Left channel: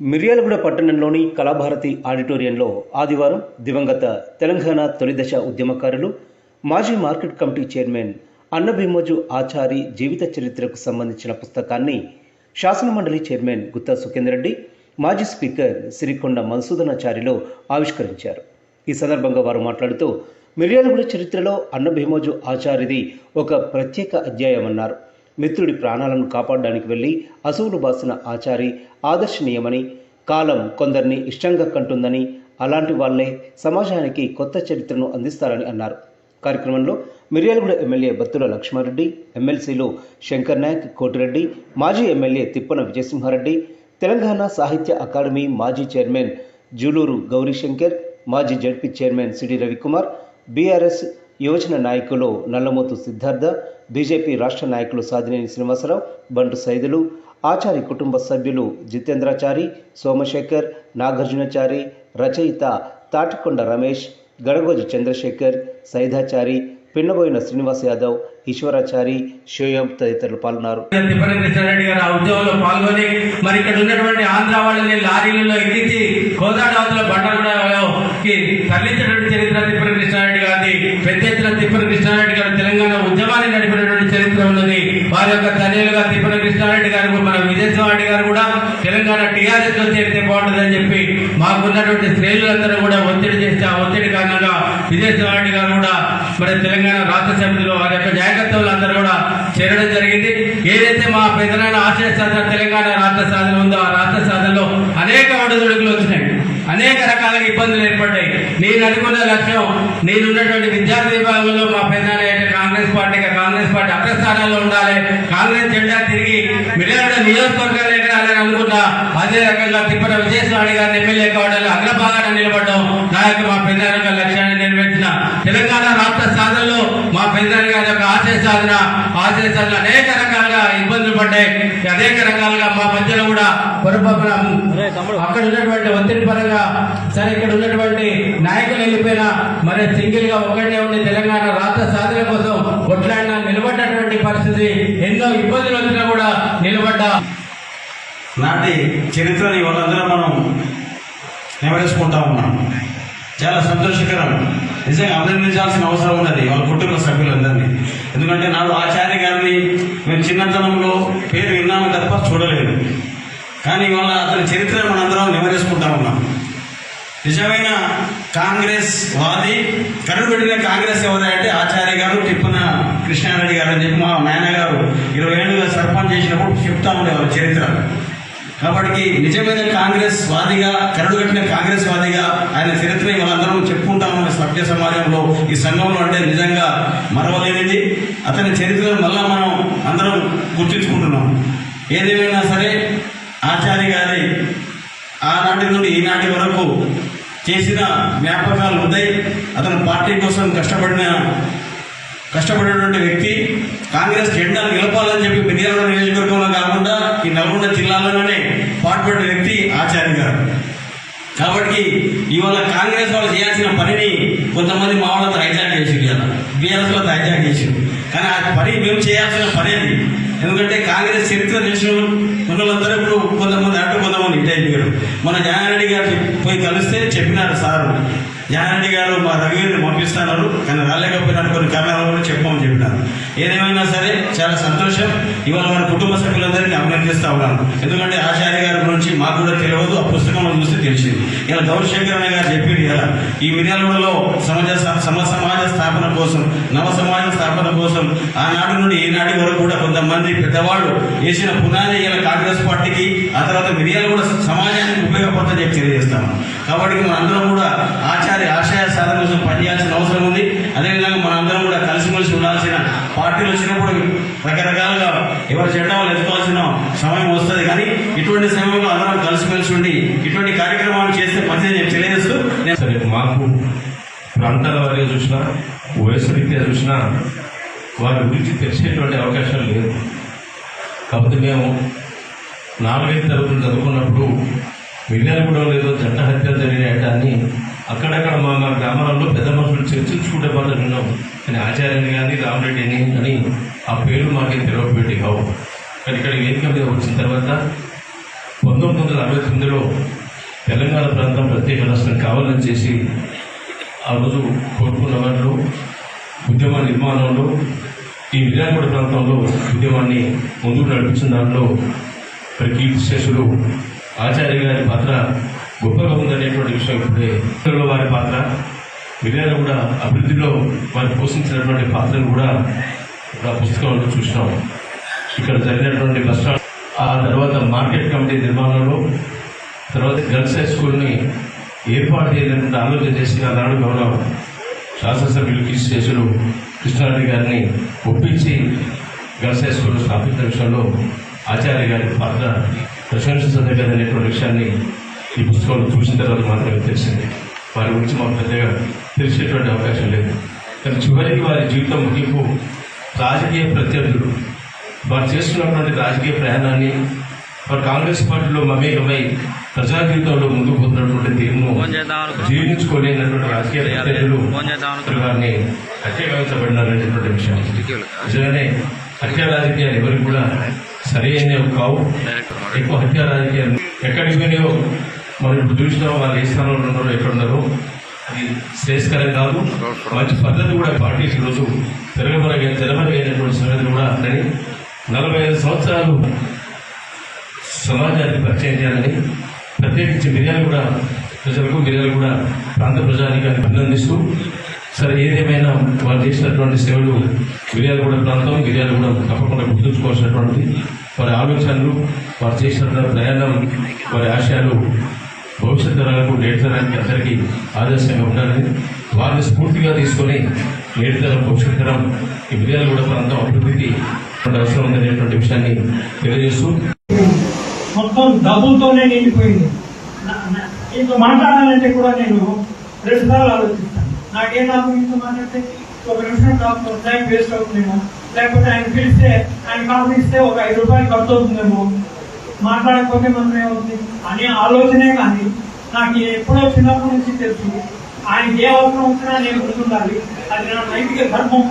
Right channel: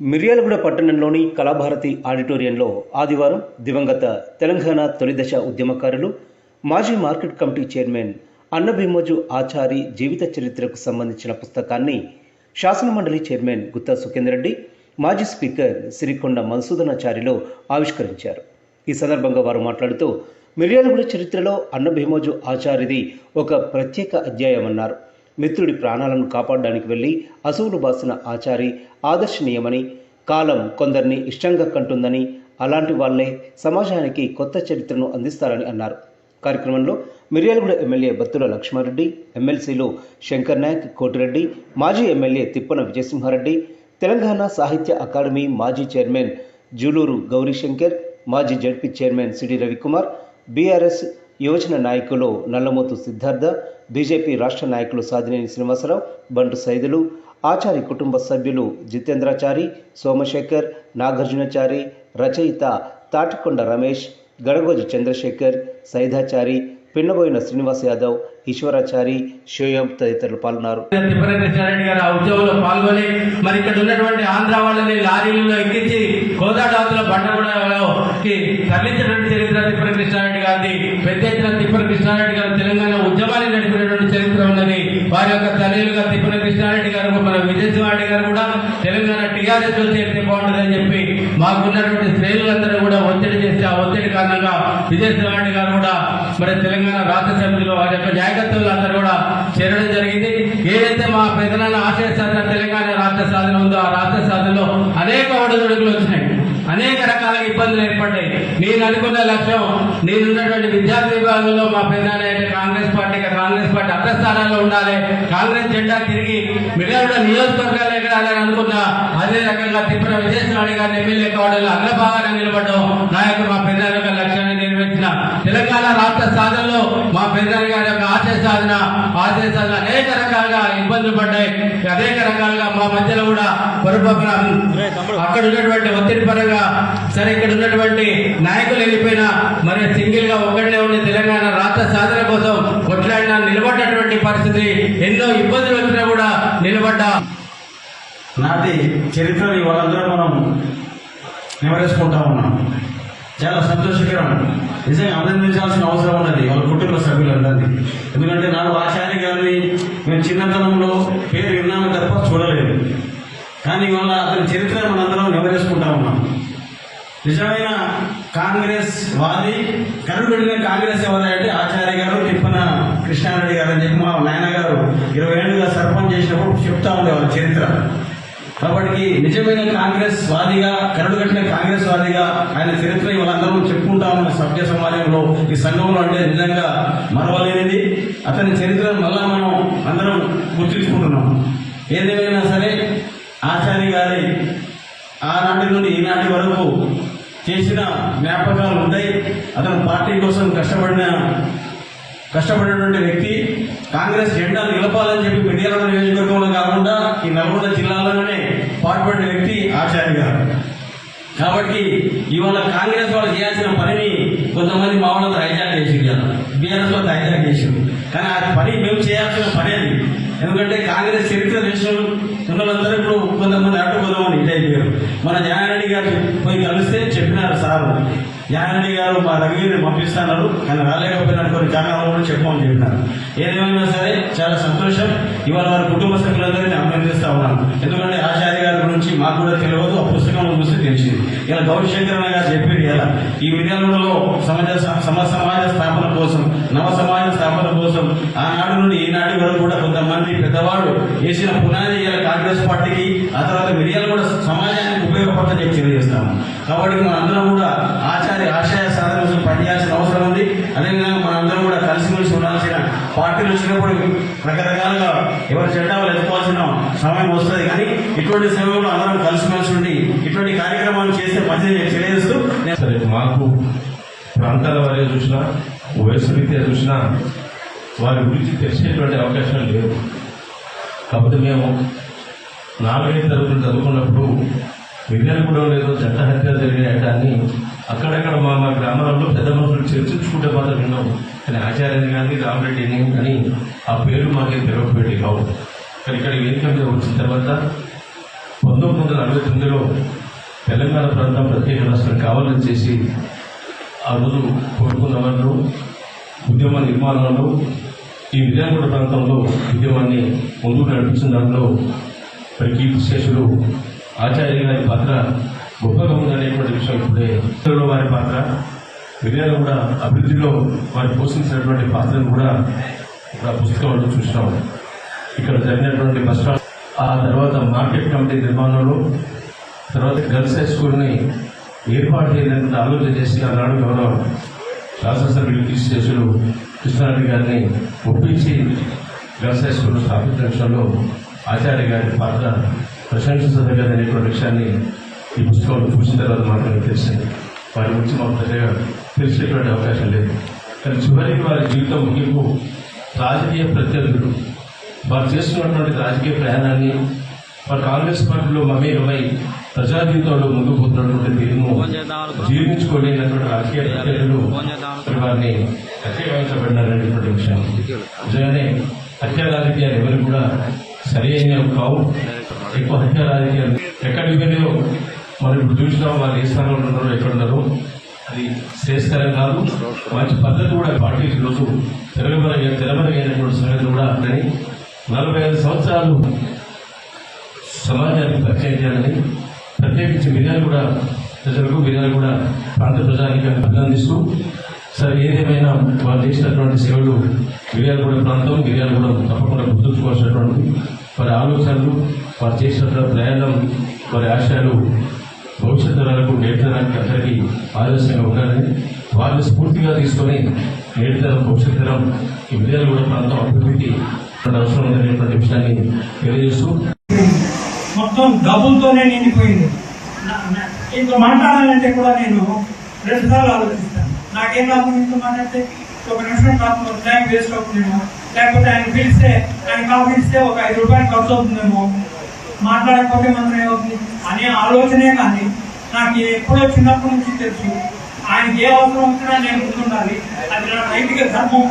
మిర్యాలగూడ పట్టణంలోని కళాభారతి ఆడిటోరియంలో ఆదివారం దివంగత తెలంగాణ తొలిదశ ఉద్యమకారులు మాజీ మార్కెట్ కమిటీ చైర్మన్ అన్నభీమోజు ఆచారి జీవిత చరిత్రకు సంబంధించిన పుస్తకాన్ని శాసనమండలి చైర్మన్ గుత్తా సుఖేందర్ రెడ్డి, మాజీ స్పీకర్ సిరికొండ మధుసూదనాచారిలో ఆవిష్కరించారు. ఈ సందర్భంగా వారు మాట్లాడుతూ మిర్యాలగూడ చరిత్రలో అన్నభీమోజు ఆచారిది ఒక ప్రత్యేక అధ్యాయమన్నారు. మిత్రుడి ప్రాణాలను కాపాడడానికి వెళ్లి అసువులు బాసిన ఆచారి ఆదర్శనీయమని, కాలం కొందరిని ఇష్టంగా కంటుందని, అలాంటి వాళ్లే సమాజానికి కొత్త చరిత్రను అందిస్తారని అన్నారు. కార్యక్రమంలో మిర్యాలగూడ ఎమ్మెల్యే బత్తుల లక్ష్మారెడ్డి, ఎమ్మెల్సీలు శంకర్ నాయక్, కోటిరెడ్డి, మాజీ ఎమ్మెల్యే తిప్పన విజయసింహారెడ్డి, తెలంగాణ సాహిత్య అకాడమీ మాజీ చైర్మన్ జూలూరు గౌరీశంకర్, మాజీ ZP chairman CD Ravikumar, BRS యువజన నాయకులు నల్లమోతు సిద్ధార్థ, బీజేపీ రాష్ట్ర నాయకులు సాదినేని శ్రీనివాసరావు, బంటు సైదులు, ఆచారి కుటుంబ సభ్యులు జితేంద్రాచారి, సోమశేఖర్, నాగార్జునచారి, రచయిత తాటికొండ రమేష్, గడగోజి చంద్రశేఖర్, సైదాచారి, పిన్నబోయిన శ్రీనివాస్ యాదవ్, ఈశ్వరాచారి, షోయం తదితరులు పాల్గొన్నారు. పాల్గొని మరి ఇక్కడ ఉన్నటువంటి ఆంధ్ర వాళ్ళని లారీలలో ఎక్కించి కోదాడవతల బండగూడకి తరలించినటువంటి చరిత్ర తిప్పన కృష్ణారెడ్డి గారిది. పెద్ద ఎత్తున తిప్పన కృష్ణారెడ్డి గారు తెలంగాణ ఉద్యమాన్ని నడిపినటువంటి చరిత్ర ఉన్నది. వారి యొక్క తల్లిలుగా తిప్పన కృష్ణారెడ్డి గారు, మన విజయసింహారెడ్డి గారు కూడా తెలంగాణ టీఆర్ఎస్ లో చేస్తే బాగుంటుందని చెప్పి మాకున్నటువంటి శ్రేణులందరూ కూడా ఒత్తిడి చేస్తే ఆ ఒత్తిడి కారణంగా విజయసింహారెడ్డి గారు కూడా మరి తెలంగాణ రాష్ట్ర సమితిలో వారి యొక్క నాయకత్వంలో అందరూ కూడా చేరడం జరిగింది. ఏదైతే మా పెద్దనాన్న ఆశయ సాధన తెలంగాణ రాష్ట్ర సాధన ఉందో ఆ రాష్ట్ర సాధనలో అనేక ఒడిదుడుకులు వచ్చినాయి, అనేక రకాల ఇబ్బందులు ఏర్పడ్డాయి. నేను అనుకున్న లక్ష్యం, నేనున్నటువంటి విద్యార్థి విభాగంలో మా పెద్దనాన్న అయితే కాంగ్రెస్ పార్టీ అగ్రస్థానాల్లో ఉండాలి, కాంగ్రెస్ జెండా తిరిగి మిర్యాలగూడ నియోజకవర్గాలు ఎగరాలని అనుకున్నా. అదే రకంగా తిప్పన విజయసింహారెడ్డి గారిని ఎమ్మెల్యే కావడంలో అగ్రభాగాన నిలబడడం నా యొక్క మా పెద్దనాన్న లక్ష్యాన్ని నెరవేర్చిన తెలంగాణ రాష్ట్ర సాధనలో మా పెద్దనాన్న గారి యొక్క ఆశయ సాధన అనేక రకాలుగా ఇబ్బందులు పడ్డాయి. అనేక రకాలుగా మా మధ్యలో కూడా పొరపాటున అక్కడ ఉన్నటువంటి ఒత్తిడి పరంగా సరే ఇక్కడ ఉన్నటువంటి నాయకులు వెళ్ళిపోయినా మరి సింగిల్ గా ఒక్కడే ఉండి తెలంగాణ రాష్ట్ర సాధన కోసం కొట్లాడిన నిలబడ్డటువంటి పరిస్థితి, ఎన్నో ఇబ్బందులు వచ్చినా కూడా నిలబడ్డా నాటి చరిత్రని వాళ్ళందరూ మనం నెమరేసుకుంటా ఉన్నాం. చాలా సంతోషకరం. నిజంగా అభినందించాల్సిన అవసరం ఉన్నది వాళ్ళ కుటుంబ సభ్యులందరినీ. ఎందుకంటే నాడు ఆచార్య గారిని మేము చిన్నతనంలో పేరు విన్నాము తప్ప చూడలేదు. కానీ వాళ్ళ అతని చరిత్ర మనందరం నెమరేసుకుంటా ఉన్నాం. నిజమైన కాంగ్రెస్ వాది, కరుడుబడిన కాంగ్రెస్ ఎవరంటే ఆచార్య గారు, తిప్పన కృష్ణారెడ్డి గారు అని చెప్పి మా నాయనగారు 20 ఏళ్ళుగా సర్పంచ్ చేసినప్పుడు చెప్తా ఉండేవారు చరిత్ర. కాబట్టి నిజమైన కాంగ్రెస్ వాదిగా, కరడుగట్టిన కాంగ్రెస్ వాదిగా ఆయన చరిత్ర మనందరం చెప్పుకుంటామన్న సభ్య సమాజంలో, ఈ సంఘంలో అంటే నిజంగా మరవలేనిది. అతని చరిత్ర మళ్ళా మనం అందరం గుర్తించుకుంటున్నాం. ఏదేమైనా సరే ఆచార్య గారి ఆనాటి నుండి ఈనాటి వరకు చేసిన జ్ఞాపకాలు ఉన్నాయి. అతను పార్టీ కోసం కష్టపడినటువంటి వ్యక్తి. కాంగ్రెస్ జెండా నిలపాలని చెప్పి మిర్యాలగూడ నియోజకవర్గంలో కాకుండా ఈ నల్గొండ జిల్లాలోనే పాటుపడిన వ్యక్తి ఆచార్య గారు. కాబట్టి ఇవాళ కాంగ్రెస్ వాళ్ళు చేయాల్సిన పనిని కొంతమంది మా వాళ్ళతో హైజాక్ చేసి బీఆర్ఎస్ లో హైజాక్ చేసి, కానీ ఆ పని మేము చేయాల్సిన పని అది. ఎందుకంటే కాంగ్రెస్ చరిత్ర తెలిసిన ఉన్నోళ్ళందరూ ఇప్పుడు కొంతమంది అటు కొంతమంది ఇటు అయిపోయారు. మన జ్ఞానారెడ్డి గారు పోయి కలిస్తే చెప్పినారు సారు, జ్ఞానారెడ్డి గారు మా రవిని పంపిస్తున్నారు కానీ రాలేకపోయినారు, కొన్ని కెమెరాలు కూడా చెప్పమని చెప్పినారు. ఏదేమైనా సరే చాలా సంతోషం. ఇవాళ వారి కుటుంబ సభ్యులందరినీ అభినందిస్తా ఉన్నాను. ఎందుకంటే ఆచార్య గారి గురించి మాకు కూడా తెలియదు, ఆ పుస్తకంలో చూస్తే తెలిసింది. ఇలా గౌరీశంకర్ గారు చెప్పారు ఇలా ఈ మిర్యాలగూడలో సమాజ స్థాపన కోసం, నవ సమాజ స్థాపన కోసం ఆనాడు నుండి ఈనాటి వరకు కూడా కొంతమంది పెద్దవాడు వేసిన పునాది ఇలా కాంగ్రెస్ పార్టీకి, ఆ తర్వాత మిర్యాలగూడ సమాజానికి ఉపయోగపడతాని చెప్పి తెలియజేస్తాము. కాబట్టి మన అందరం కూడా ఆశయ సాధన కోసం పనిచేయాల్సిన అవసరం ఉంది. అదేవిధంగా మనందరం కూడా కలిసిమెలిసి ఉండాల్సిన, పార్టీలు వచ్చినప్పుడు రకరకాలుగా ఎవరి జెండా వాళ్ళు ఎత్తుకోవాల్సిన సమయం వస్తుంది. కానీ ఇటువంటి సమయంలో అందరం కలిసిమెలిసి ఉండి ఇటువంటి కార్యక్రమాలు చేస్తే మంచిది తెలియజేస్తూ మాకు ప్రాంతాల వారిగా చూసినా, వయసు రీత్యా చూసినా వారి గురించి తెలిసేటువంటి అవకాశాలు లేవు. కాబట్టి మేము 4వ తరగతులు చదువుకున్నప్పుడు మిర్యాలగూడలో ఏదో జంట హత్యలు జరిగాయని అక్కడక్కడ మా గ్రామాలలో పెద్ద మనుషులు చర్చించుకుంటే మాత్రం విన్నాం. కానీ ఆచార్యని కానీ రామరెడ్డిని అని ఆ పేరు మాకేం తెలవకపోయేది కావు. కానీ ఇక్కడ వేదిక మీద వచ్చిన తర్వాత 1969లో తెలంగాణ ప్రాంతం ప్రత్యేక రాష్ట్రం కావాలని చేసి ఆ రోజు కోరుకున్న వాళ్ళు ఉద్యమ నిర్మాణంలో ఈ మిర్యాలగూడ ప్రాంతంలో ఉద్యమాన్ని ముందుకు నడిపించిన దానిలో కీర్తిశేషుడు ఆచార్య గారి పాత్ర గొప్పగా ఉందనేటువంటి విషయం ఇప్పుడే వారి పాత్ర మిర్యాలగూడ అభివృద్ధిలో వారు పోషించినటువంటి పాత్రను కూడా ఇప్పుడు ఆ పుస్తకంలో చూసినాం. ఇక్కడ జరిగినటువంటి బస్ స్టాండ్, ఆ తర్వాత మార్కెట్ కమిటీ నిర్మాణంలో, తర్వాత గర్ల్స్ హై స్కూల్ని ఏర్పాటు చేయాలని ఆలోచన చేసి ఆనాడు గౌరవ శాసనసభ్యులు కీర్తిశేషులు కృష్ణారెడ్డి గారిని ఒప్పించి గర్ల్స్ హై స్కూల్ స్థాపించిన విషయంలో ఆచార్య గారి పాత్ర ప్రశంసించదగ్గదనేటువంటి విషయాన్ని ఈ పుస్తకంలో చూసిన తర్వాత మాత్రమే తెలిసింది. వారి గురించి మాకు పెద్దగా తెలిసేటువంటి అవకాశం లేదు. కానీ చివరికి వారి జీవితం ముగింపు రాజకీయ ప్రత్యర్థులు వారు చేస్తున్నటువంటి రాజకీయ ప్రయాణాన్ని వారు కాంగ్రెస్ పార్టీలో మమేకమై ప్రజా జీవితంలో ముందుకు పోతున్నటువంటి తీరును జీర్ణించుకోలేనటువంటి రాజకీయ ప్రత్యర్థులు వారిని హత్యగావించబడినారనేటువంటి విషయం. నిజంగానే హత్యా రాజకీయాలు ఎవరికి కూడా సరైనవి కావు. ఎక్కువ హత్యా రాజకీయాలు ఎక్కడికి పోయినాయో మనం ఇప్పుడు చూసినాం. వాళ్ళు ఏ స్థానంలో ఉన్నారో ఎక్కడున్నారో అది శ్రేయస్కరం కాదు. మంచి పద్ధతి కూడా పార్టీ ఈరోజు తెరమరుగైనటువంటి సంగతులు కూడా అందని 45 సంవత్సరాలు సమాజానికి పరిచయం చేయాలని ప్రత్యేకించి మిర్యాలగూడ ప్రజలకు, మిర్యాలగూడ ప్రాంత ప్రజానికి అభినందిస్తూ, సరే ఏదేమైనా వారు చేసినటువంటి సేవలు మిర్యాలగూడ ప్రాంతం, మిర్యాలగూడ తప్పకుండా గుర్తుంచుకోవాల్సినటువంటి వారి ఆలోచనలు, వారు చేసినటువంటి ప్రయాణం, వారి ఆశయాలు భవిష్యత్ తరాలకు, నేటి తరానికి అందరికీ ఆదర్శంగా ఉండాలని వారిని స్ఫూర్తిగా తీసుకొని నేటి తరం, భవిష్యత్ తరం ఈ మిర్యాలగూడ ప్రాంతం అభివృద్ధికి అవసరం ఉందనేటువంటి విషయాన్ని తెలియజేస్తూ మొత్తం డబ్బులతోనే నిండిపోయింది. ఇంకో మాట్లాడాలంటే కూడా నేను 2 సార్లు ఆలోచిస్తాను. నాకేం లాభం ఇంకో మాట్లాడితే 1 నిమిషం నాకు టైం వేస్ట్ అవుతుందేమో, లేకపోతే ఆయన పిలిస్తే ఆయన కాఫీ ఇస్తే ఒక 5 రూపాయలు ఖర్చు అవుతుందేమో, మాట్లాడకపోతే మనం ఏమవుతుంది అనే ఆలోచనే. కానీ నాకు ఎప్పుడో చిన్నప్పటి నుంచి తెలుసు ఆయనకి ఏ అవసరం అవుతున్నా నేను ముందుండాలి, అది నా నైతిక ధర్మం.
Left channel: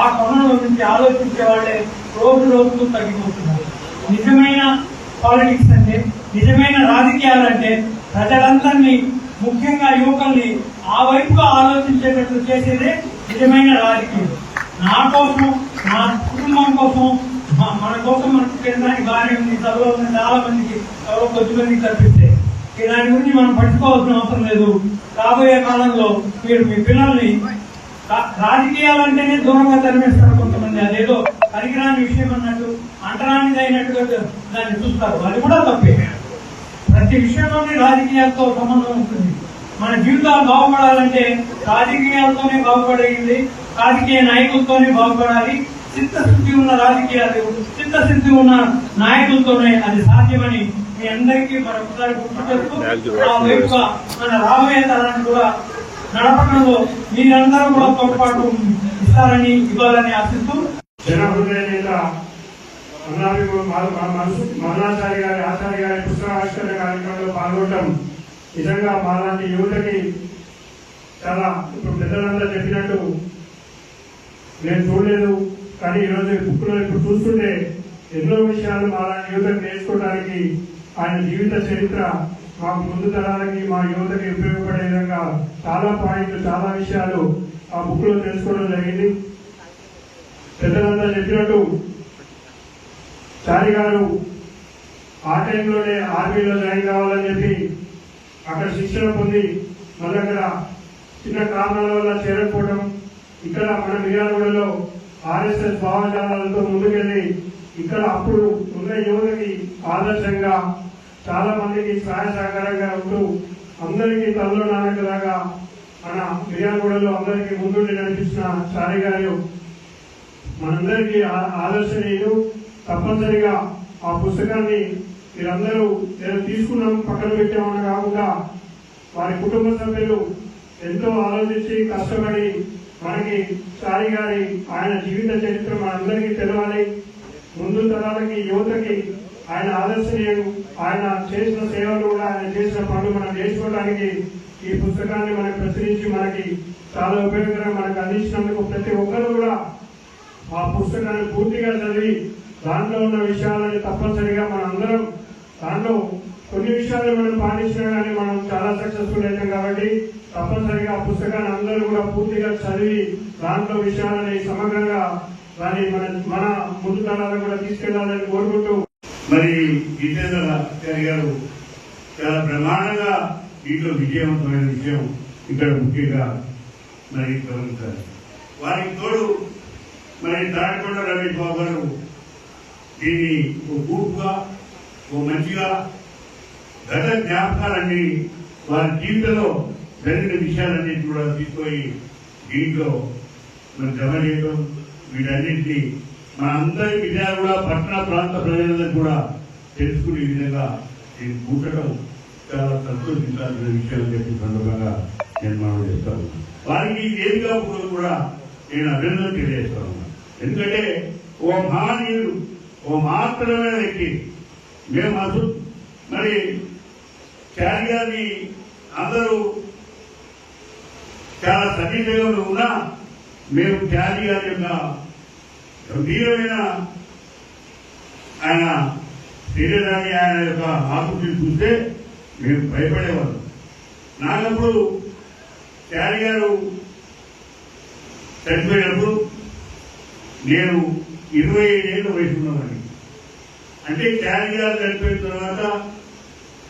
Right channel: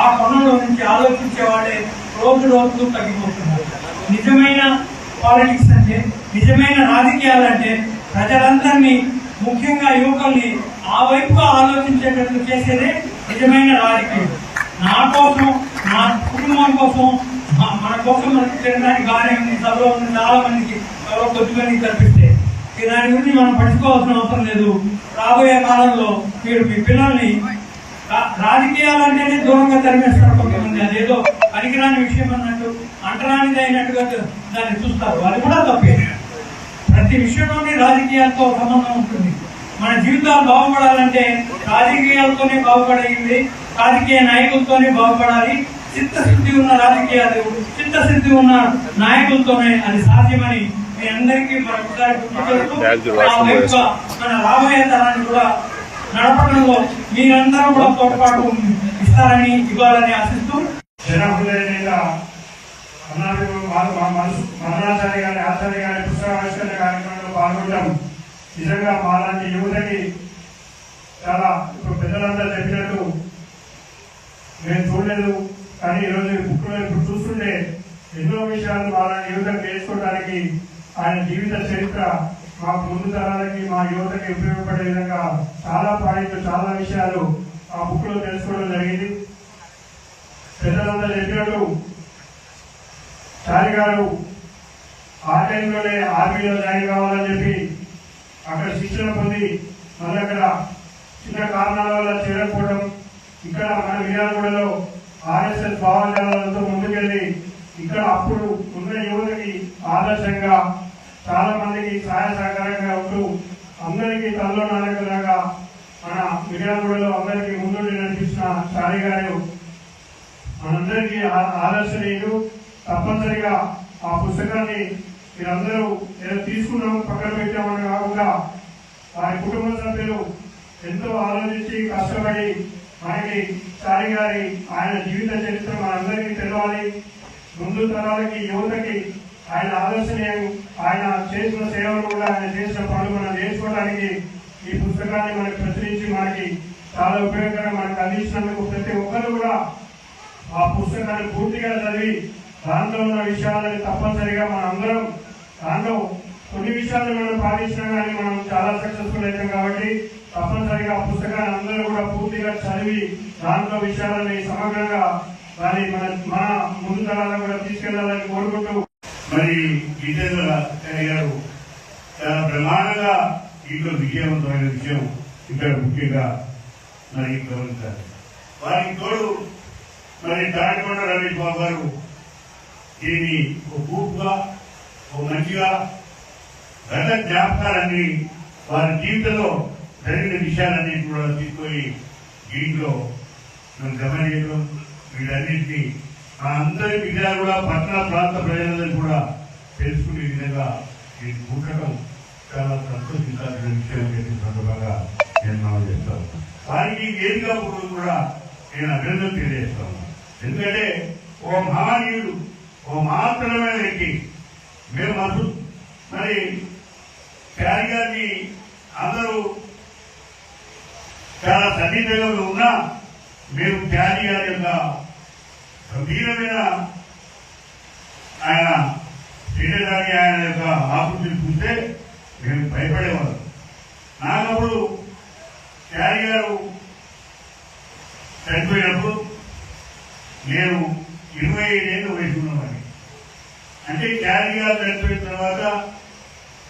ఆ పనుల నుంచి ఆలోచించే వాళ్ళే రోజు రోజుకు తగ్గిపోతున్నారు. నిజమైన పాలిటిక్స్ అంటే, నిజమైన రాజకీయాలంటే ప్రజలందరినీ, ముఖ్యంగా యువకుల్ని ఆ వైపుగా ఆలోచించేటట్లు చేసేదే నిజమైన రాజకీయం. నా కోసం, నా కుటుంబం కోసం, మన కోసం మనకి తినడానికి బాగానే ఉంది. సభలో ఉన్న చాలా మందికి, ఎవరో కొద్దిమందికి కల్పిస్తే దాని గురించి మనం పడుకోవాల్సిన అవసరం లేదు. రాబోయే కాలంలో మీరు మీ పిల్లల్ని రాజకీయాలంటేనే దూరంగా తరిమేస్తారు కొంతమంది. అదేదో పనికిరాని విషయం అన్నట్టు, అంటరానిది అయినట్టుగా దాన్ని చూస్తారు. అది కూడా తప్పే. ప్రతి విషయంలోనే రాజకీయాలతో సంబంధం ఉంటుంది. మన జీవితాలు బాగుపడాలంటే రాజకీయాలతోనే బాగుపడేది, రాజకీయ నాయకులతోనే బాగుపడాలి. చిత్తశుద్ధి ఉన్న రాజకీయాలు, చిత్తశుద్ధి ఉన్న నాయకులతోనే అది సాధ్యమని మీ అందరికీ మరొకసారి గుర్తుపెడుతూ మన రాబోయే తరాన్ని కూడా నడపడంలో మీరందరూ కూడా తోడ్పాటు ఇస్తారని, ఇవ్వాలని ఆశిస్తూ మదనాచార్య గారి, ఆచార్య గారి పుస్తకావిష్కరణ కార్యక్రమంలో పాల్గొనడం నిజంగా మాలాంటి యువతకి చాలా, ఇప్పుడు పెద్దలంతా చెప్పినట్టు నేను చూడలేదు, కానీ ఈరోజు బుక్లో ఇప్పుడు చూస్తుంటే ఎన్నో విషయాలు మాలాంటి యువతకు నేర్చుకోవడానికి ఆయన జీవిత చరిత్ర మాకు ముందు తరాలకి, మా యువతకి ఉపయోగపడే విధంగా చాలా పాయింట్లు, చాలా విషయాలు ఆ బుక్ లో తెలుసుకోవడం జరిగింది. పెద్దలంతా చెప్పినట్టు చారి గారు ఆ టైంలోనే ఆర్మీలో జాయిన్ కావాలని చెప్పి అక్కడ శిక్షణ పొంది మళ్ళీ అక్కడ చిన్న కారణాల వల్ల చేరకపోవడం, ఇక్కడ మన మిర్యాలగూడలో ఆర్ఎస్ఎస్ భావజాలతో ముందుకెళ్లి ఇక్కడ అప్పుడు ఉన్న యువతకి ఆదర్శంగా, చాలా మందికి సహాయ సహకారంగా ఉంటూ అందరికీ తల్లో నాన్నకలాగా మన మిర్యాలగూడలో అందరికీ ముందు నడిపించిన చారి గారు మనందరికీ ఆదర్శనీయులు. తప్పనిసరిగా ఆ పుస్తకాన్ని మీరందరూ ఏదో తీసుకున్నాం పక్కన పెట్టామని కాకుండా వారి కుటుంబ సభ్యులు ఎంతో ఆలోచించి కష్టపడి మనకి చారి గారి ఆయన జీవిత చరిత్ర మనందరికీ తెలవాలి. ముందు తరాలకి, యువతకి ఆయన ఆదర్శనీయం. ఆయన చేసిన సేవలు కూడా, ఆయన చేసిన పనులు మనం నేర్చుకోవడానికి ఈ పుస్తకాన్ని మనకు ప్రచురించి మనకి చాలా ఉపయోగకరంగా మనకు అందించినందుకు ప్రతి ఒక్కరు కూడా ఆ పుస్తకాన్ని పూర్తిగా చదివి దాంట్లో ఉన్న విషయాలని తప్పనిసరిగా మనం అందరం దాంట్లో కొన్ని విషయాలు మనం పాటించినా కానీ మనం చాలా సక్సెస్ఫుల్ అవుతాం. కాబట్టి తప్పనిసరిగా ఆ పుస్తకాన్ని అందరూ కూడా పూర్తిగా చదివి దాంట్లో విషయాలని సమగ్రంగా దాన్ని మన ముందు తరాలకు కూడా తీసుకెళ్లాలని కోరుకుంటూ, మరి జితేంద్ర గారు చాలా ప్రమాణంగా దీంట్లో విజయవంతమైన విషయం ఇక్కడ ముఖ్యంగా మరి గమనించాలి. వారికి తోడు మరి తాడికొండ రమేష్ బాబు గారు దీన్ని ఓ గ్రూప్గా ఓ మంచిగా గత జ్ఞాపకాలన్నీ వారి జీవితంలో జరిగిన విషయాలన్నీ కూడా తీసుకొని దీంట్లో మరి గమనించడం, వీటన్నింటినీ మన అందరి విషయాలు కూడా పట్టణ ప్రాంత ప్రజలందరూ కూడా తెలుసుకునే విధంగా నేను కూర్చడం చాలా సంతోషించాల్సిన విషయం చెప్పిన సందర్భంగా నేను మనం చేస్తాను. వారికి ఏదిగా కూడా నేను అభినందన తెలియజేస్తా ఉన్నాను. ఎందుకంటే ఓ మహానీయుడు, ఓ మహత్తరమైన వ్యక్తి. మేము అసలు మరి శారీ గారిని అందరూ చాలా సన్నిహితంగా ఉన్నా మేము శారీ గారి యొక్క గంభీరమైన ఆయన శరీరాన్ని, ఆయన యొక్క ఆకృతిని చూస్తే మేము భయపడేవాళ్ళం. నాకప్పుడు శారీ గారు చనిపోయినప్పుడు నేను 25 ఏళ్ళు వయసు ఉన్నామని. అంటే శారీ గారు చనిపోయిన తర్వాత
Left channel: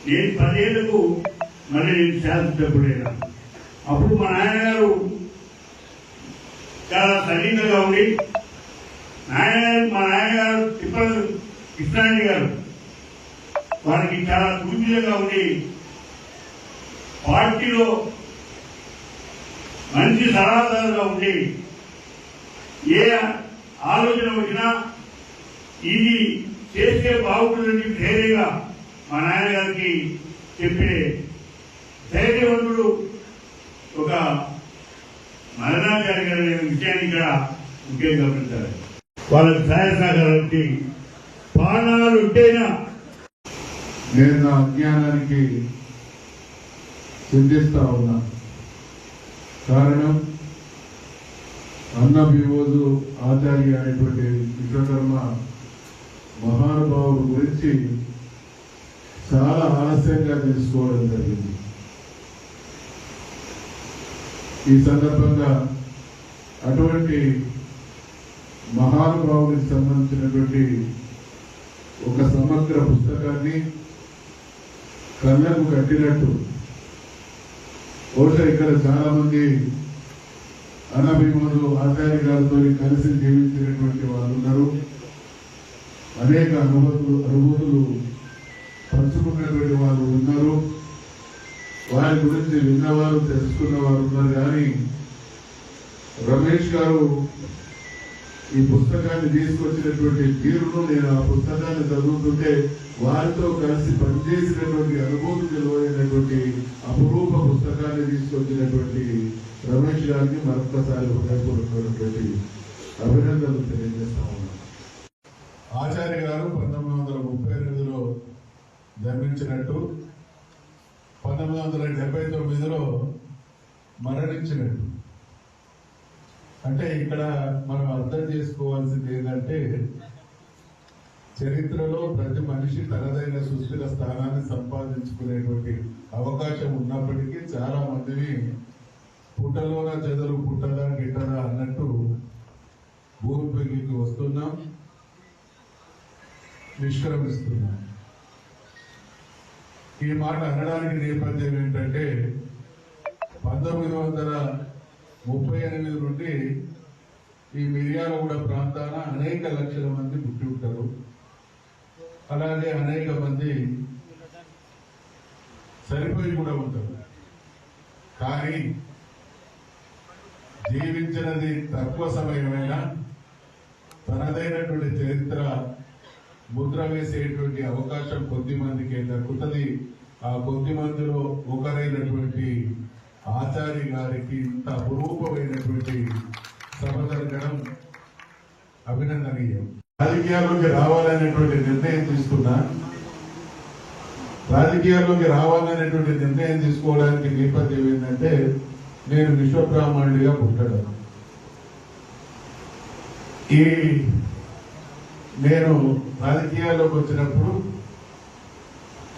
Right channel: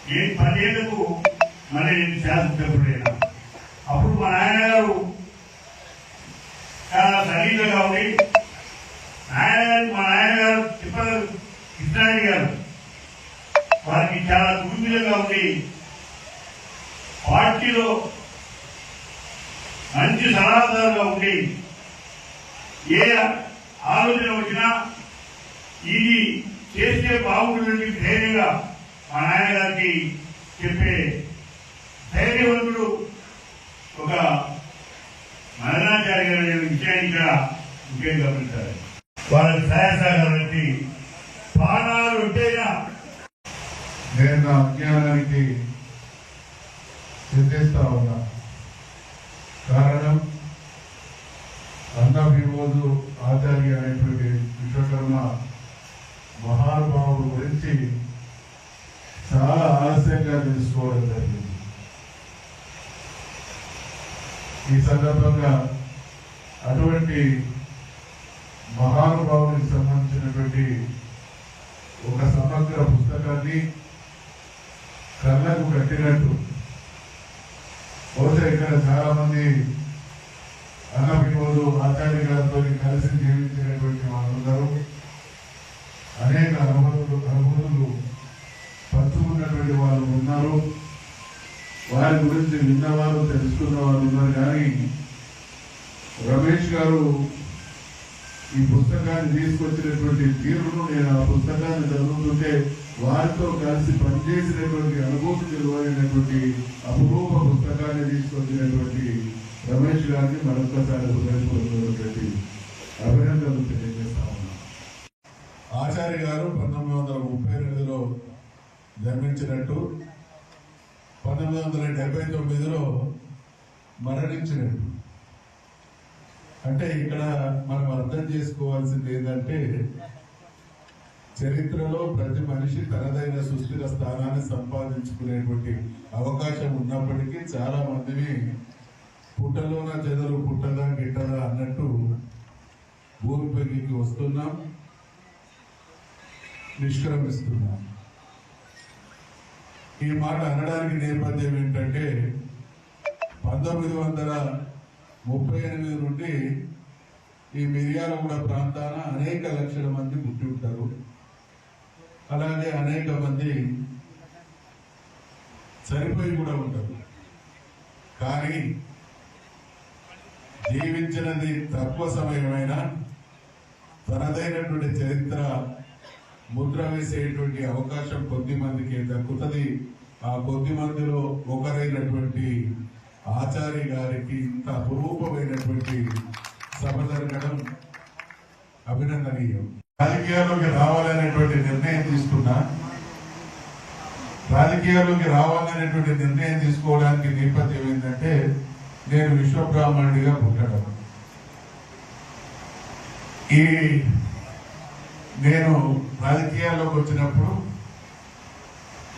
నేను 10 ఏళ్లకు మళ్ళీ నేను శాసనసభ్యుడైనా. అప్పుడు మా నాన్నగారు చాలా సన్నిహితంగా ఉండి మా నాన్నగారు తిప్పల కృష్ణారెడ్డి గారు వారికి చాలా సుదీర్ఘంగా ఉండి పార్టీలో మంచి సలహాదారుగా ఉండి ఏ ఆలోచన వచ్చినా ఇది చేస్తే బాగుంటుందని ధైర్యంగా మా నాన్నగారికి చెప్పే ధైర్యవంతుడు ఒక మరణాచారి గారి విషయాన్ని ఇక్కడ ముఖ్యంగా గమనించాలి. వాళ్ళ సహాయసహకారానికి ప్రాణాలు ఉంటేనా నేను నా అజ్ఞానానికి చింతిస్తా ఉన్నా. కారణం అన్న విమోజు ఆచార్య అనేటువంటి విశ్వకర్మ మహానుభావుడు గురించి చాలా ఆలస్యంగా తెలుసుకోవడం జరిగింది. ఈ సందర్భంగా అటువంటి మహానుభావునికి సంబంధించినటువంటి ఒక సమగ్ర పుస్తకాన్ని కళ్ళకు కట్టినట్టు బహుశా ఇక్కడ చాలా మంది అన్నభీములు ఆచార్య గారితో కలిసి జీవించినటువంటి వాళ్ళు ఉన్నారు. అనేక అనుభూతులు పంచుకున్నటువంటి వాళ్ళు ఉన్నారు. వారి గురించి విన్నవారు, తెలుసుకున్న వారు ఉన్నారు. కానీ రమేష్ గారు ఈ పుస్తకాన్ని తీసుకొచ్చినటువంటి తీరును, నేను ఆ పుస్తకాన్ని చదువుతుంటే వారితో కలిసి పనిచేసినటువంటి అనుభూతి తెలియనటువంటి అపురూప పుస్తకాన్ని తీసుకొచ్చినటువంటి రమేష్ గారిని మరొక్కసారి హృదయపూర్వకమైనటువంటి అభినందనలు తెలియజేస్తా ఉన్నాను. ఆచార్య గారు 1932లో జన్మించినట్టు, 1979లో మరణించినట్టు. అంటే ఇక్కడ మనం అర్థం చేసుకోవాల్సింది ఏంటంటే, చరిత్రలో ప్రతి మనిషి తనదైన సుస్థిర స్థానాన్ని సంపాదించుకునేటువంటి అవకాశం ఉన్నప్పటికీ చాలా మందిని పుట్టలోన చెదలు పుట్టదా గిట్టదా అన్నట్టు భూమిపైకి వస్తున్నాం, నిష్క్రమిస్తున్నాం. ఈ మాట అనడానికి నేపథ్యం ఏంటంటే 1938 నుండి ఈ మిర్యాలగూడ ప్రాంతాన అనేక లక్షల మంది పుట్టి ఉంటారు. అలాగే అనేక మంది చనిపోయి కూడా ఉంటారు. కానీ జీవించినది తక్కువ సమయమైనా తనదైనటువంటి చరిత్ర ముద్ర వేసేటువంటి అవకాశం కొద్ది మందికి దక్కుతుంది. ఆ కొద్ది మందిలో ఒకరైనటువంటి ఆచార్య గారికి ఇంత అపురూపమైనటువంటి సభ జరగడం అభినందనీయం. రాజకీయాల్లోకి రావాలనేటువంటి నిర్ణయం తీసుకున్నా. రాజకీయాల్లోకి రావాలనేటువంటి నిర్ణయం తీసుకోవడానికి నేపథ్యం ఏంటంటే నేను విశ్వబ్రాహ్మణుడిగా పుట్టడం. నేను రాజకీయాల్లోకి వచ్చినప్పుడు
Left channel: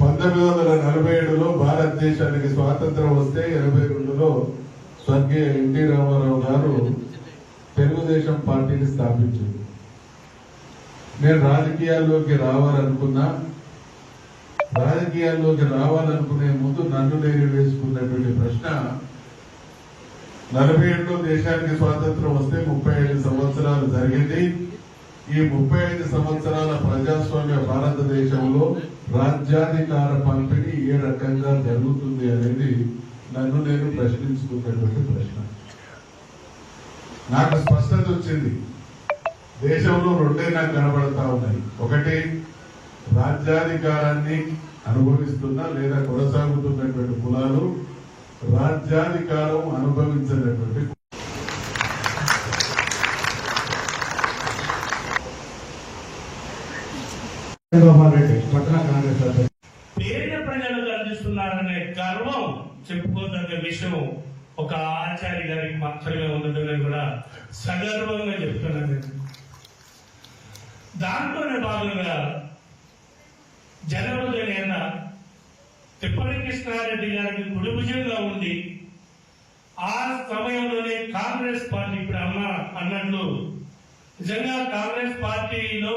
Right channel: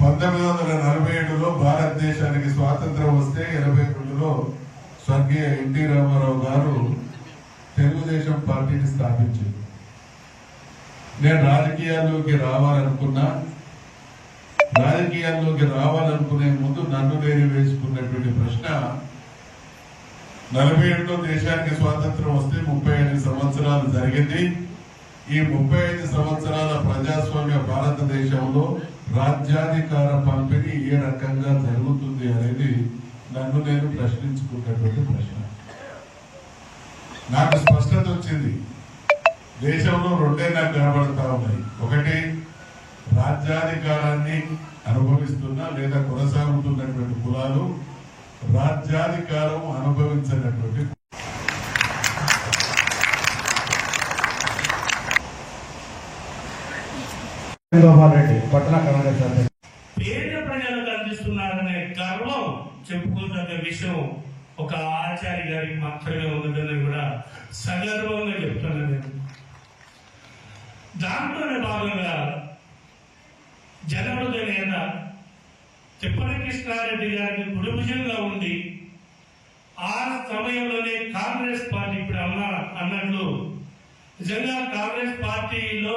1947లో భారతదేశానికి స్వాతంత్రం వస్తే 82లో స్వర్గీయ ఎన్టీ రామారావు గారు తెలుగుదేశం పార్టీని స్థాపించారు. నేను రాజకీయాల్లోకి రావాలనుకునే ముందు నన్ను నేను వేసుకున్నటువంటి ప్రశ్న, 47లో దేశానికి స్వాతంత్రం వస్తే 35 సంవత్సరాలు జరిగింది. ఈ 35 సంవత్సరాల ప్రజాస్వామ్య భారతదేశంలో రాజ్యాధికార పంపిణీ ఏ రకంగా జరుగుతుంది అనేది నన్ను నేను ప్రశ్నించుకున్నటువంటి ప్రశ్న. నాకు స్పష్టత వచ్చింది. దేశంలో రెండే నాకు కనబడతా ఉన్నాయి. ఒకటి, రాజ్యాధికారాన్ని అనుభవిస్తున్న లేదా కొనసాగుతున్నటువంటి కులాలు, రాజ్యాధికారం అనుభవించినటువంటి పట్టణ కాంగ్రెస్ పేద ప్రజలకు అందిస్తున్నారనే గర్వం చెప్పుకోదగ్గ విషయం ఒక ఆచార్య గారికి మాత్రమే ఉన్నదని కూడా సగర్వంగా చెప్తున్నాను. దాంట్లోనే భాగంగా జనవృదైన తిప్పటి కృష్ణారెడ్డి గారికి కుడిభుజంగా ఉండి ఆ సమయంలోనే కాంగ్రెస్ పార్టీ ఇప్పుడు అన్నట్లు నిజంగా కాంగ్రెస్ పార్టీలో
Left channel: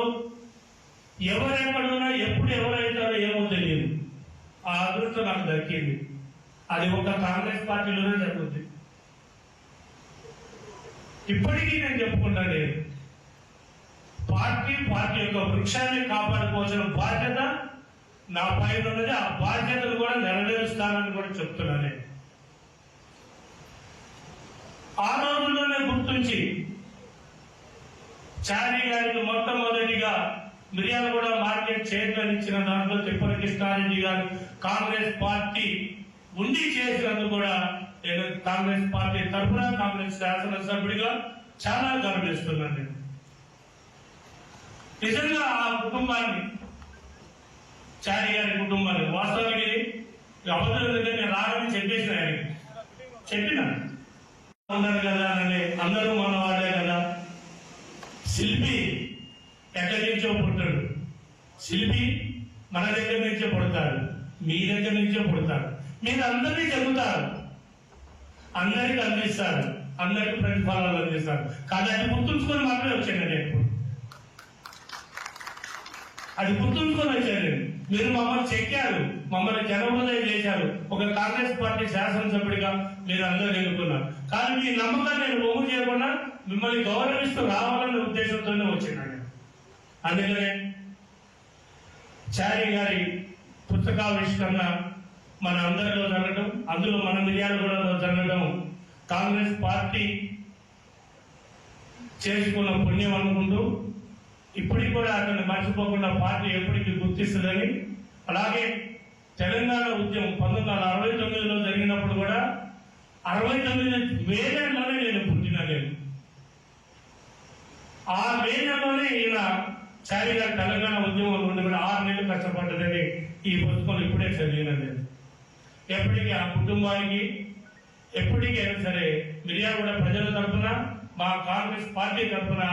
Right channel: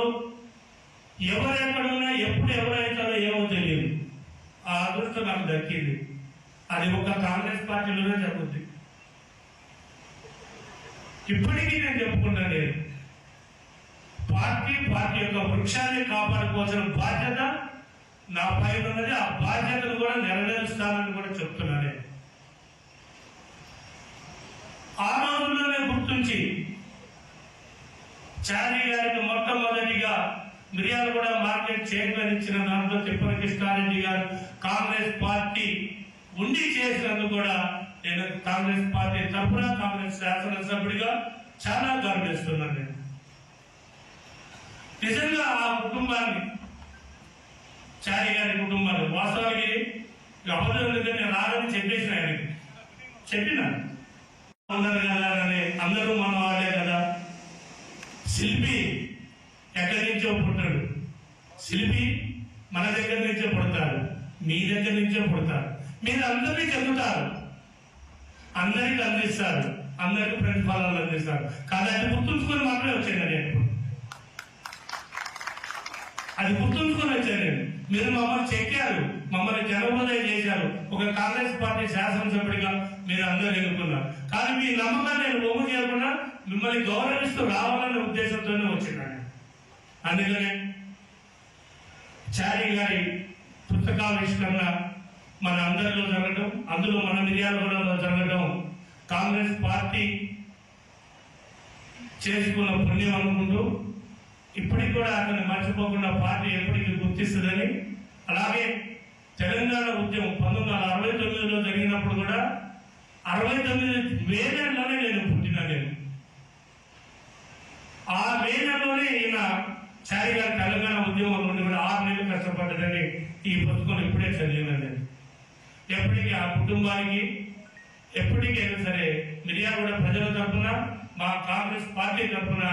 ఎవరెక్కడున్నా ఎప్పుడు ఎవరైతారో ఏమో తెలియదు. ఆ అదృష్టం నాకు దక్కింది. అది ఒక కాంగ్రెస్ పార్టీలోనే జరుగుతుంది. ఇప్పటికీ నేను చెప్పుకున్నాను, పార్టీ యొక్క వృక్షాన్ని కాపాడుకోవాల్సిన బాధ్యత నా పైన ఉన్నది. ఆ బాధ్యతను కూడా నెరవేరుస్తానని కూడా చెప్తున్నాను. ఆ రోజుల్లోనే గుర్తించి చారీ గారికి మొట్టమొదటిగా మిర్యాలగూడ మార్కెట్ చైర్మన్ ఇచ్చిన దాంట్లో తిప్పటి కృష్ణారెడ్డి గారు కాంగ్రెస్ పార్టీ ఉండి చేసినందుకు కూడా నేను కాంగ్రెస్ పార్టీ తరఫున కాంగ్రెస్ శాసనసభ్యుడిగా చాలా గర్విస్తున్నాను. నేను నిజంగా ఆ కుటుంబాన్ని, చారి గారి కుటుంబాన్ని వాస్తవానికి ఎవరి దగ్గర రాగని చెప్పిన ఉన్నారు కదా అని, అందరూ మన వాళ్ళే కదా. శిల్పి ఎక్కడి నుంచో పుట్టాడు. శిల్పి మన దగ్గర నుంచే పుడతాడు, మీ దగ్గర నుంచే పుడతాడు. మీరు అందరినీ చదువుతారు, అందరికీ అందిస్తారు, అందరికీ ప్రతిఫలాలు అందిస్తారు. కానీ అది గుర్తుంచుకొని మాత్రమే వచ్చాను నేను. అది గుర్తుంచుకొని వచ్చాను. మీరు మమ్మల్ని చెక్కారు, మమ్మల్ని జనబోధన చేశారు. ఒక కాంగ్రెస్ పార్టీ శాసనసభ్యుడిగా మీరు అందరూ ఎన్నుకున్నారు. కానీ మీ నమ్మకాన్ని నేను ఒమ్ము చేయకుండా మిమ్మల్ని గౌరవిస్తూ రావాలనే ఉద్దేశంతోనే వచ్చినాను. అందుకనే చారి గారి పుస్తకావిష్కరణ మన అందరిలో జరగడం, అందులో మన మిర్యాలగూడలో జరగడం కాంగ్రెస్ పార్టీ చేసుకున్న పుణ్యం అనుకుంటూ ఇప్పటికి కూడా అతను మర్చిపోకుండా పార్టీ ఎప్పటికీ గుర్తిస్తుందని. అలాగే తెలంగాణ ఉద్యమం 1969లో జరిగినప్పుడు కూడా 69 వేలలోనే నేను పుట్టిన. నేను ఆ వేలలోనే ఈయన చారి గారి తెలంగాణ ఉద్యమం నుండి కూడా 6 నెలలు కష్టపడ్డదని ఈ పుస్తకం ఇప్పుడే చదివినాను. ఎప్పటికీ ఆ కుటుంబానికి ఎప్పటికైనా సరే మిర్యాలగూడ ప్రజల తరఫున, మా కాంగ్రెస్ పార్టీ తరఫున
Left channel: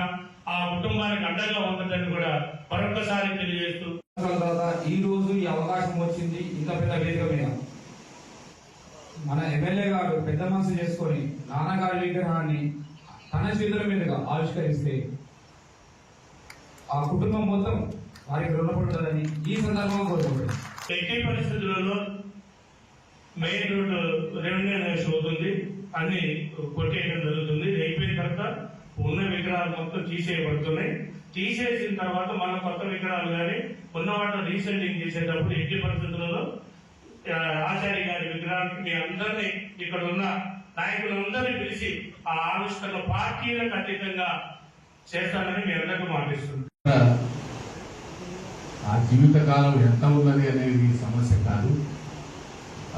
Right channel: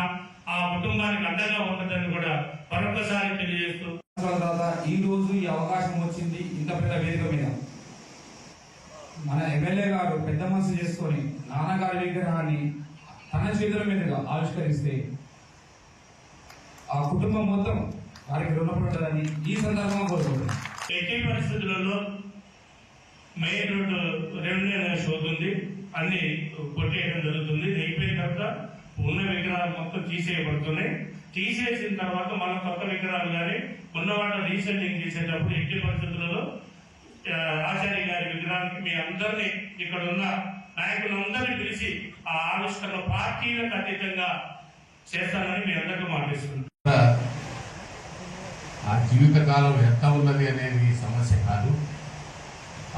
ఆ కుటుంబానికి అండగా ఉంటుందని కూడా మరొకసారి తెలియజేస్తూ, ఈ రోజు ఈ అవకాశం వచ్చింది. ఇంత పెద్ద వేదిక మీద మన ఎమ్మెల్యే గారు పెద్ద మనసు చేసుకొని నాన్నగారి విగ్రహాన్ని తన చేతుల మీదుగా ఆవిష్కరిస్తే ఆ కుటుంబం మొత్తం వారికి రుణపడుతుందని ఈ సందర్భంగా కోరుకుంటున్నాను. ఎట్టి పరిస్థితులలో మెయిన్ రోడ్డు రెవెన్యూ అవుతుంది, అన్ని కొట్టేయడం జరుగుతుంది. అయిపోయిన తర్వాత ఉన్న విగ్రహాలు మొత్తం తీసేయబడుతున్నాయి. తీసేసిన తర్వాత మన కొత్త విగ్రహాలు కానీ ఉన్న వాటిలో రీసెంటింగ్ చేసేటప్పుడు ఎట్టి పరిస్థితులలో ఆచార్య గారి విగ్రహానికి మీ అందరినీ, ఇక్కడ ఉన్న నాయకులందరినీ పిలిచి ఆ ఆవిష్కరణ పార్టీలకు అతీతంగా చేస్తానని మీ అందరికీ మాటిస్తున్నాను. ఆ జీవితకాలం ఎంత ఉన్నది అనేది సమస్య కాదు.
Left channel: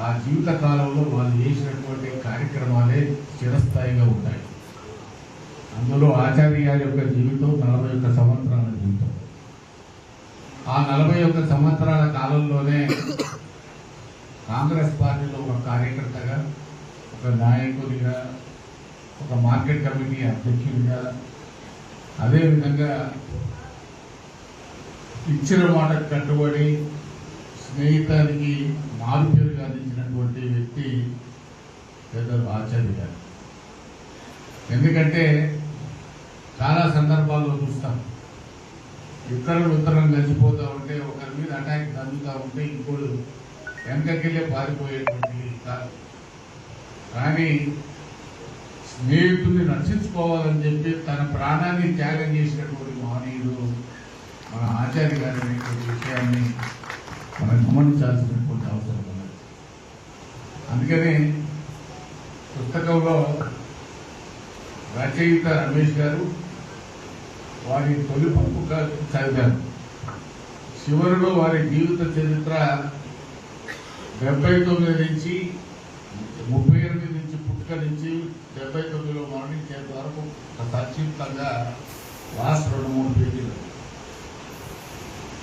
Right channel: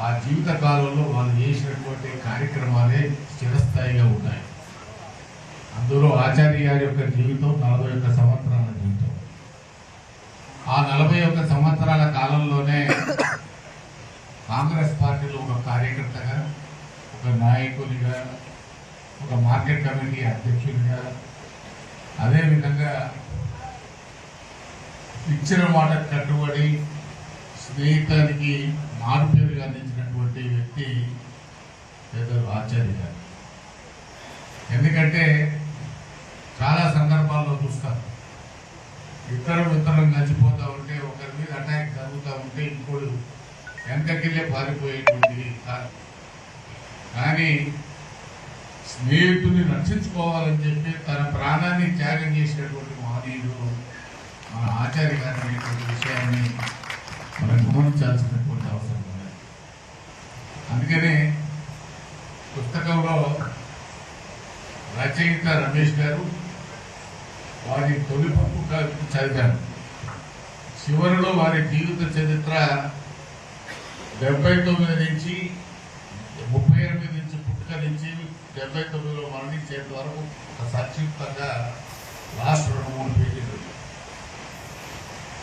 ఆ జీవితకాలంలో వాళ్ళు చేసినటువంటి కార్యక్రమాలే స్థిరస్థాయిగా ఉంటాయి. అందులో ఆచార్య గారి యొక్క జీవితం 41 సంవత్సరాల జీవితం. ఆ 41 సంవత్సరాల కాలంలోనే కాంగ్రెస్ పార్టీలో ఒక కార్యకర్తగా, ఒక నాయకుడిగా, ఒక మార్కెట్ కమిటీ అధ్యక్షుడిగా, అదేవిధంగా ఇచ్చిన మాట కట్టుబడి స్నేహితానికి మారుపేరుగా అందించినటువంటి వ్యక్తి పెద్దలు ఆచార్య గారు. ఎందుకంటే చాలా సందర్భాల్లో చూస్తాం, ఇద్దరం కలిసిపోతా ఉంటే ఒకరి మీద అటాక్ జరుగుతూ ఉంటే ఇంకోడు వెనకకెళ్ళే పారిపోయేటువంటి కాదు. కానీ స్నేహితుడిని రక్షించుకోవాలని చెప్పి తన ప్రాణాన్ని త్యాగం చేసినటువంటి మహనీయుడు మన ఆచార్య గారు అనేటువంటి విషయాన్ని మనం గమనించాల్సినటువంటి అవసరం ఉంది. అందుకనే పుస్తకంలో రచయిత రమేష్ గారు వారి తొలి పుస్తకం చదివారు. చివరిలో వారి జీవిత చరిత్ర 79 నుంచి 38 నుంచి పుట్టుక నుంచి 79లో మరణించేంత వరకు సంక్షిప్తంగా లాస్ట్ 2-3 పేజీలు.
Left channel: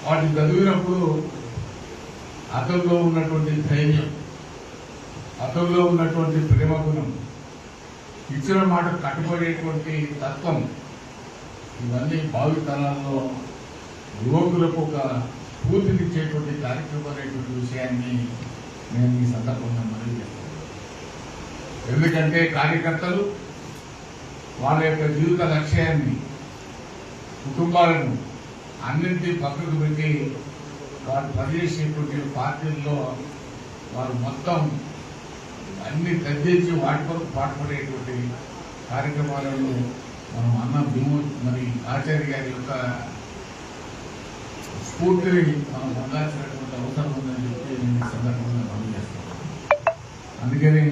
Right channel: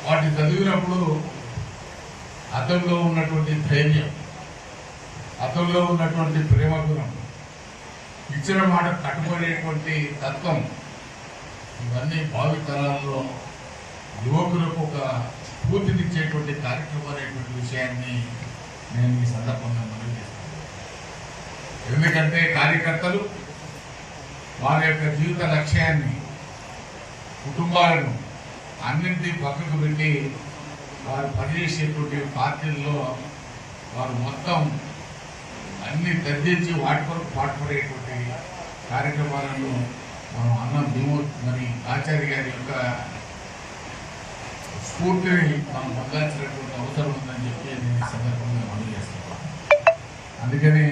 వాటిని చదివినప్పుడు అతనిలో ఉన్నటువంటి ధైర్యం, అతనిలో ఉన్నటువంటి ప్రేమ గుణం, ఇచ్చిన మాట కట్టుబడేటువంటి తత్వం, ఇవన్నీ భావి తరాల్లో యువకులకు ఒక స్ఫూర్తినిచ్చేటువంటి కార్యక్రమం అనేటువంటి విషయాన్ని నేను ఈ సందర్భంగా తెలియజేస్తాను. ఎందుకంటే కార్యకర్తలు వారి యొక్క జీవిత లక్ష్యాన్ని, కుటుంబాలను అన్నింటినీ పక్కకు పెట్టి వారు పనిచేసేటువంటి పార్టీల్లో వారు మొత్తం అన్ని తగ్గించి వాటి కొరకు పాటుపడేటువంటి కార్యక్రమాలను మనం అన్నం మరి ఆచార్య గారి యొక్క స్ఫూర్తిని మనం పొందాల్సినటువంటి అవసరం ఉందని చెప్పి నేను ఈ సందర్భంగా మనం చేస్తున్నాను. అందుకని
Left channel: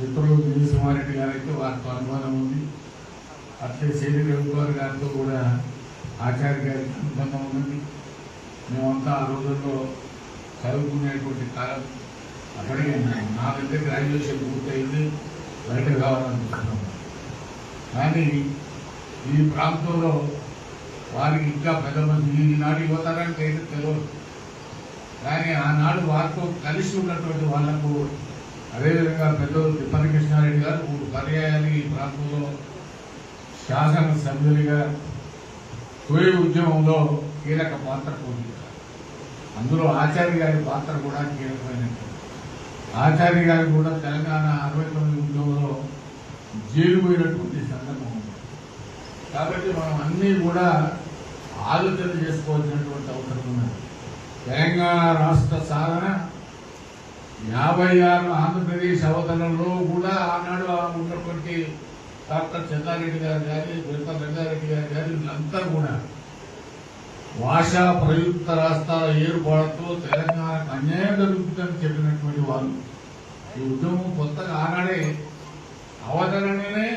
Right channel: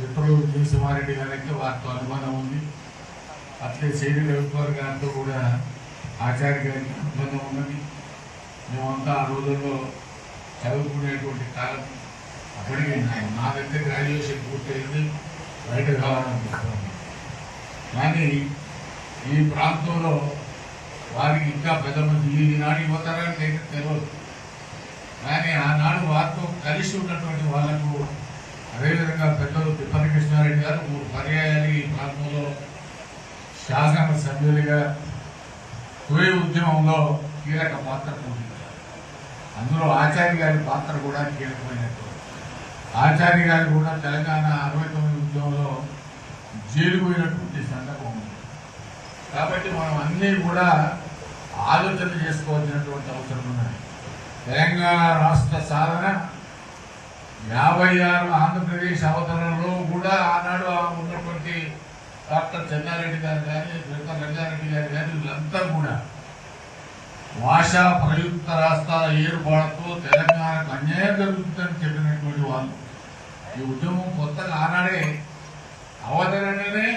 మిత్రులు జయసింహారెడ్డి గారికి వారితో అనుబంధం ఉంది. అట్లే శైలి రవికుమార్ గారితో కూడా ఆచార్య గారికి అనుబంధం ఉన్నది. మేమంతా ఆ రోజుల్లో చదువుకునేటువంటి కాలం. అప్పటికి నా దగ్గర గ్రాడ్యుయేషన్ పూర్తయింది, బయట కావాలనుకుంటున్నాను. కానీ ఈ ప్రాంతంలో వారికి ఇంకా పెద్ద మంది ఈనాడు యువతరానికి అయితే తెలియదు. కానీ ఆనాడు వారితో కలిసి ఉన్నటువంటి వాళ్లకు, అదేవిధంగా పెద్దలు తిప్పని కృష్ణారెడ్డి గారు 3 పర్యాయాలు ఈ ప్రాంతంలో శాసన సభ్యులుగా తొలి ఉద్యమంలో కీలక పాత్ర పోషించారు. అందులో ఆచార్య గారి పాత్ర కూడా కీలకమైనటువంటి. ఆచార్య గారు కూడా తెలంగాణ 69 ఉద్యమంలో జైలు పోయినటువంటి సందర్భం ఉంది. కాబట్టి మనం అన్నీ కూడా ఆలోచన చేసుకోవాల్సినటువంటి అవసరం ఉన్నది. తెలంగాణ రాష్ట్ర సాధన 56 ఆంధ్రప్రదేశ్ అవతరణలో కూడా ఆనాడు ఉన్నటువంటి డాక్టర్ చెన్నారెడ్డి గారు కానీ, డాక్టర్ రంగారెడ్డి గారు కానీ, వీళ్ళంతా కూడా భాషా ప్రయుక్త రాష్ట్రాల ఏర్పాటుతో తెలంగాణకు అన్యాయం జరుగుతుందని చెప్పినటువంటి వాళ్ళు. ఈ ఉద్యమం కొత్తగా ఆనాడే అవతరణనే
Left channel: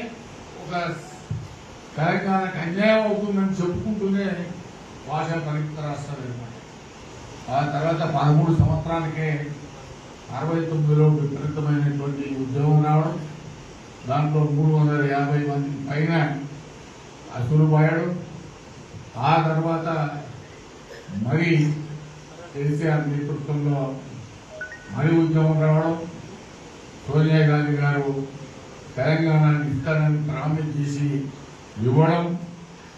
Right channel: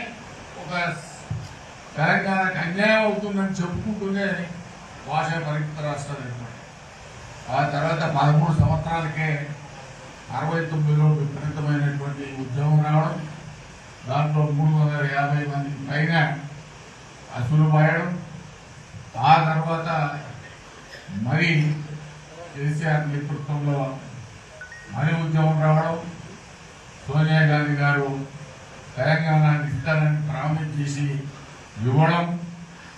ఒక తెలంగాణకు అన్యాయం అవుతుందని చెప్పుకుంటూనే భాషా ప్రయుక్త రాష్ట్రాలు ఏర్పడి, ఆ తర్వాత 13 సంవత్సరాలకే 69లో విపరీతమైనటువంటి ఉద్యమం రావడం, దాంట్లో 350 మంది పైన అసలు పోయడం, ఆ తర్వాత మరి కేసీఆర్ నేతృత్వంలో మరి ఉద్యమం రావడం, సోనియా గాంధీ గారు తెలంగాణని ఇస్తానని ప్రామిస్ చేసి ఇవ్వడం,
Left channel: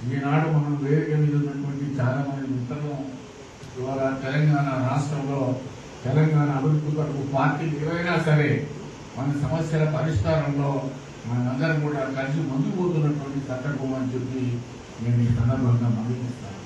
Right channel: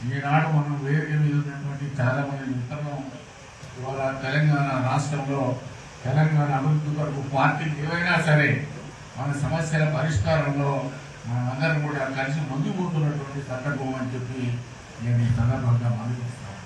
ఈనాడు మనం వేదిక మీద ఉన్నటువంటి చాలా మంది మిత్రులు ఇవాళ తెలంగాణ రాష్ట్రంలో తెలంగాణ అభివృద్ధి కొరకు పార్టీలు ఏవైనా సరే మన సమస్యల పరిష్కారంలో మనమందరం కూడా కలిసి ముందుకు పోతున్నటువంటి సందర్భం అని చెప్పి నేను ఈ సందర్భంగా మనవి చేస్తాను.